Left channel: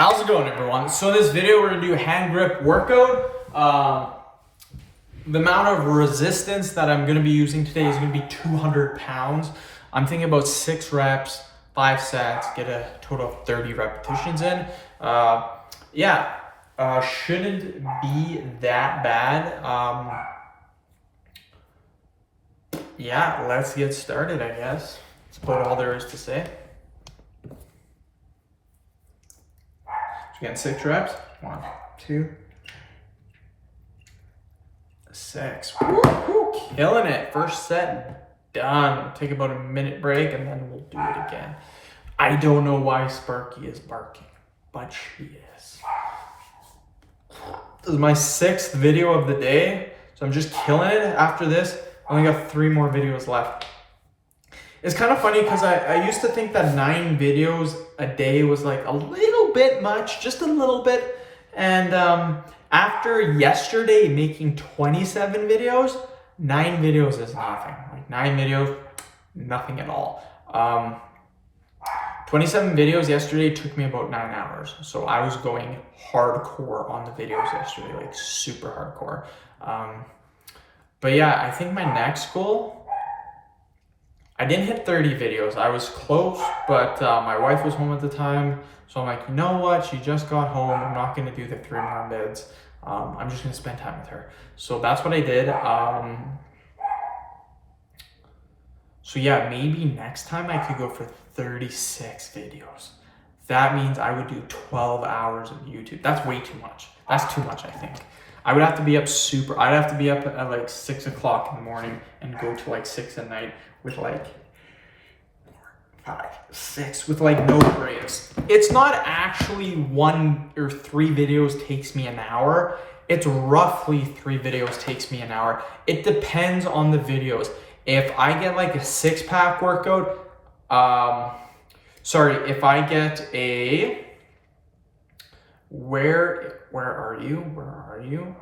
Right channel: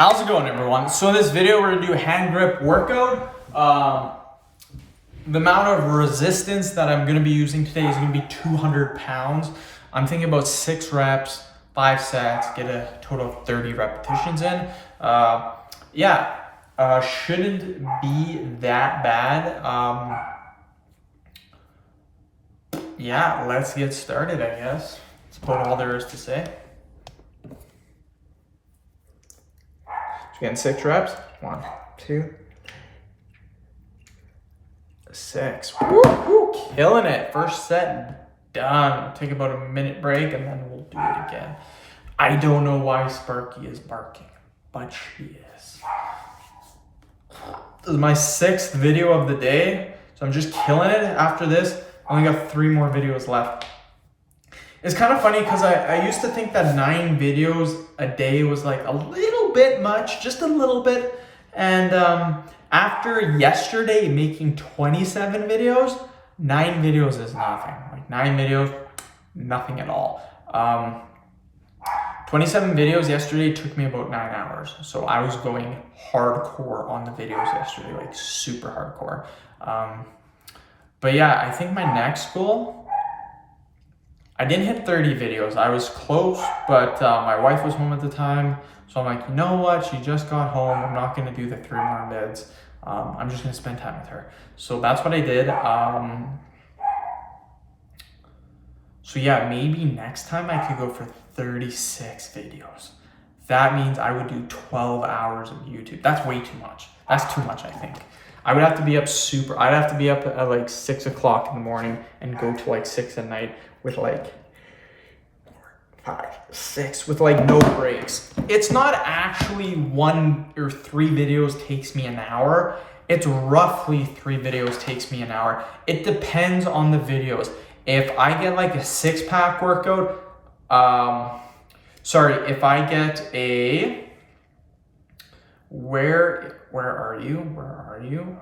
How's it going, everyone? So in this video, we're gonna do a hand grip workout. The amount of resistance that I'm gonna be using today is gonna be 200 pounds. I'm thinking about 6 reps, 5 sets, get a total of 30 repetitions in. Shouldn't be that bad. Let's get started, I guess. That's about all there is to say. Again, 6 reps. 1, 2, 6. Woo, killing it. First set done. We'll take about a minute break and then we'll do it again. I don't know why Sparky is barking, but she is. This is my 6th video of the day, so I'm just killing it. After this, I only got 3 more videos left. It's kind of funny because I used to think that 9 videos a day was like a little bit much, just a little bit. And after yesterday making 27 videos, 9 videos is nothing. Like 9 videos, nothing at all. 27 videos yesterday took me about 9 hours. So I was going hardcore on the videos yesterday, like super hardcore. But yeah, I think my next goal, I didn't hit 30 videos. I was close, but my wife was home at the time. So I'm like, you know what? She just got home. I'm not gonna do the 3 more mids. I'm just gonna spend time with her. So that's what I did. So yeah, maybe next time I could go for 36 videos. That means I would do 12 hours of YouTube. That's way too much. That's too much, I think. I would have to be up I'd have to be up at like 6 o'clock in the morning and go to like 6 at night with like 5, 6 with like no breaks. It's not actually 1 or 3 videos takes me an hour. It's roughly 3 videos takes me an hour. It depends on the videos. If I get like a 6-pack workout, if I get a, where are you?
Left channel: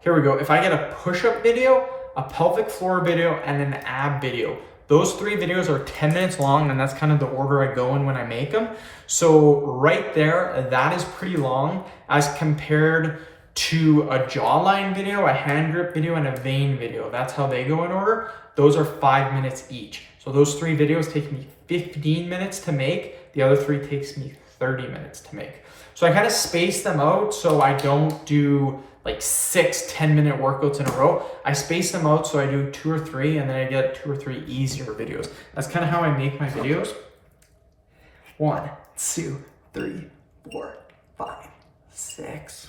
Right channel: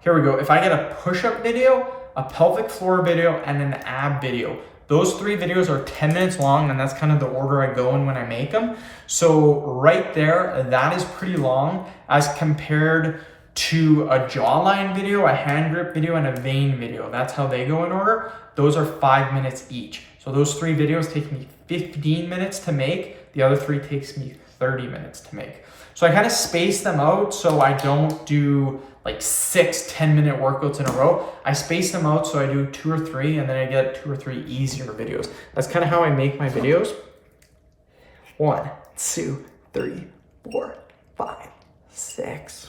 Here we go. If I get a push-up video, a pelvic floor video, and an ab video, those 3 videos are 10 minutes long, and that's kind of the order I go in when I make them. So right there, that is pretty long as compared to a jawline video, a hand grip video, and a vein video. That's how they go in order. Those are 5 minutes each. So those 3 videos take me 15 minutes to make. The other 3 takes me 30 minutes to make. So I kind of space them out so I don't do like 6 10-minute workouts in a row. I space them out so I do 2 or 3 and then I get 2 or 3 easier videos. That's kind of how I make my videos. 1, 2, 3, 4, 5, 6.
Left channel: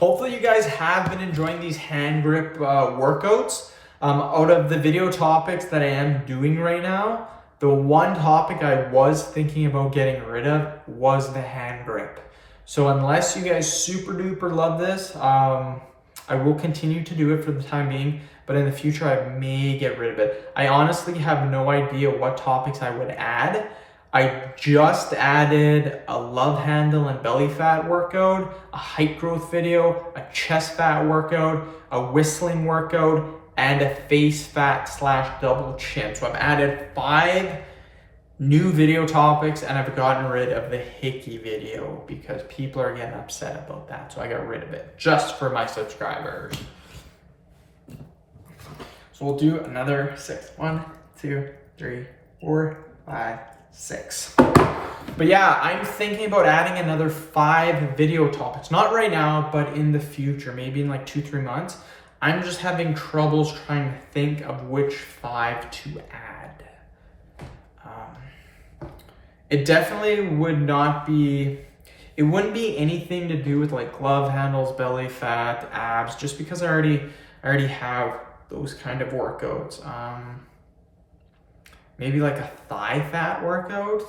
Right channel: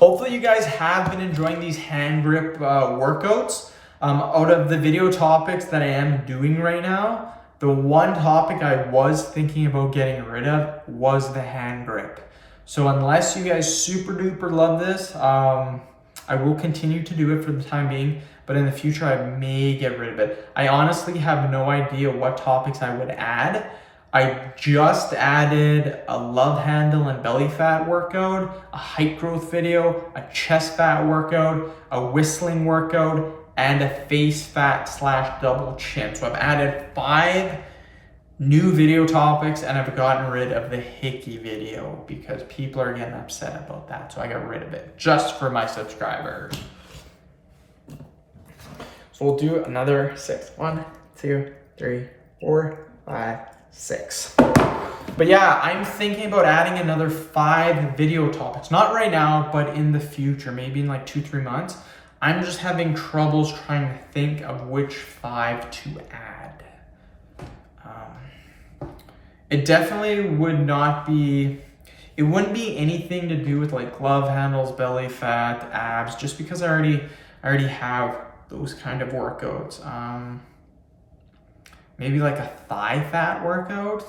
Hopefully you guys have been enjoying these hand grip workouts. Out of the video topics that I am doing right now, the one topic I was thinking about getting rid of was the hand grip. So unless you guys super duper love this, I will continue to do it for the time being, but in the future I may get rid of it. I honestly have no idea what topics I would add. I just added a love handle and belly fat workout, a height growth video, a chest fat workout, a whistling workout, and a face fat / double chin. So I've added 5 new video topics and I've gotten rid of the hickey video because people are getting upset about that. So I got rid of it just for my subscribers. So we'll do another 6. 1, 2, 3, 4, 5, 6. But yeah, I'm thinking about adding another 5 video topics. Not right now, but in the future, maybe in like 2-3 months. I'm just having troubles trying to think of which 5 to add. It definitely would not be, it wouldn't be anything to do with like glove handles, belly fat, abs, just because I already have those kind of workouts. Maybe like a thigh fat workout,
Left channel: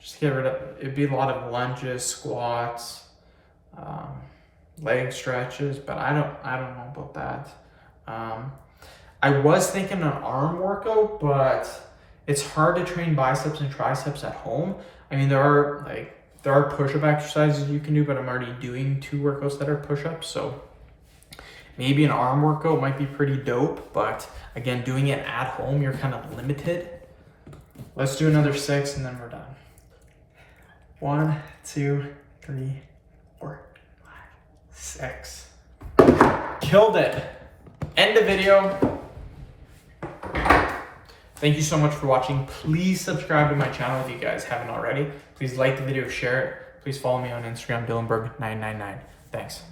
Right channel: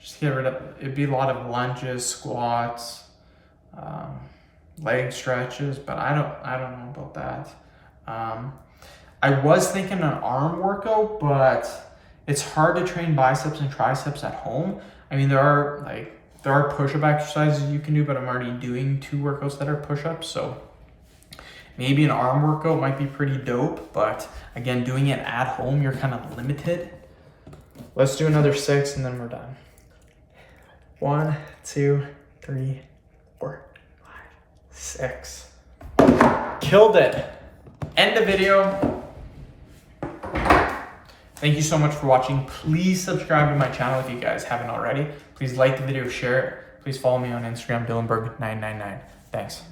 just get rid of, it'd be a lot of lunges, squats, leg stretches, but I don't know about that. I was thinking an arm workout, but it's hard to train biceps and triceps at home. I mean, there are push-up exercises you can do, but I'm already doing 2 workouts that are push-ups, so maybe an arm workout might be pretty dope, but again, doing it at home, you're kind of limited. Let's do another 6 and then we're done. 1, 2, 3, 4, 5, 6. Killed it. End the video. Thank you so much for watching. Please subscribe to my channel if you guys haven't already. Please like the video, share it. Please follow me on Instagram, Dylanberg999. Thanks.